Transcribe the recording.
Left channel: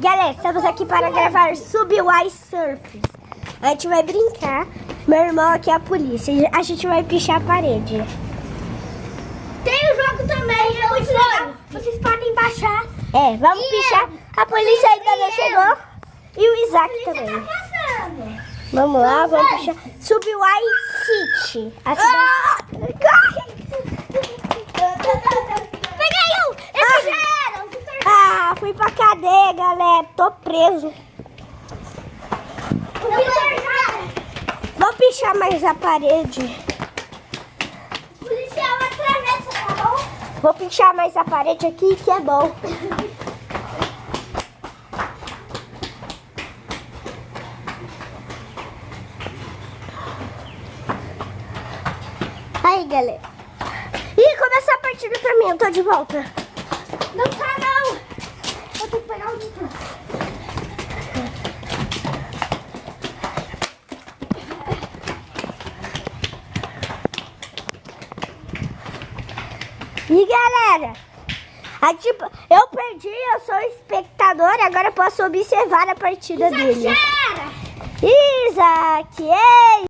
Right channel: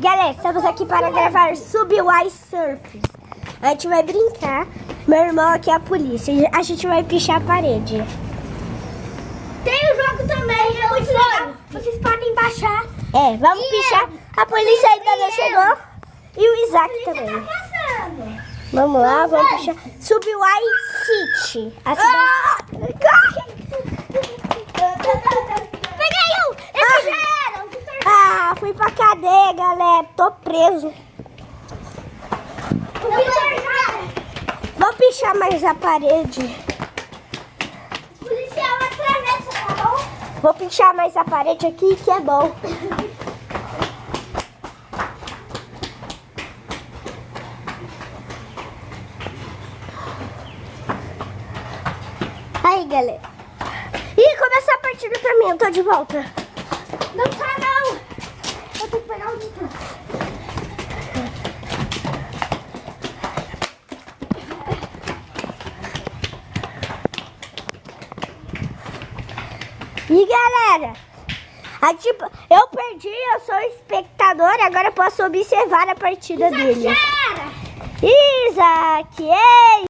Galera, estamos aqui para gravar Subway Surfers. A gente vai brincar. Meu irmão aqui é a polícia. A gente vai pichar a parede. Tem o jogo também, vocês podem baixar. É, vamos pichar. A polícia ainda não chegou. E o Isaac também. Tá passando. Vamos lá, vamos pichar. Subway City. A cidade... Corre! Peguei um! Esse já era! Ah, fui pra cadeia, galera. Tô preso. Vou pichar mais a parede. Policial atravessa, tá bom? Vou pichar mais a parede aqui, que é bom. Aí, galera. Ih, começou a partida pra mim. Eu tô de volta. Não tá, não! Vou ter que pegar o livro. E galera, eu perdi, eu sou espectador, agora eu posso observar a partida dele. Cara! Isaac, ei!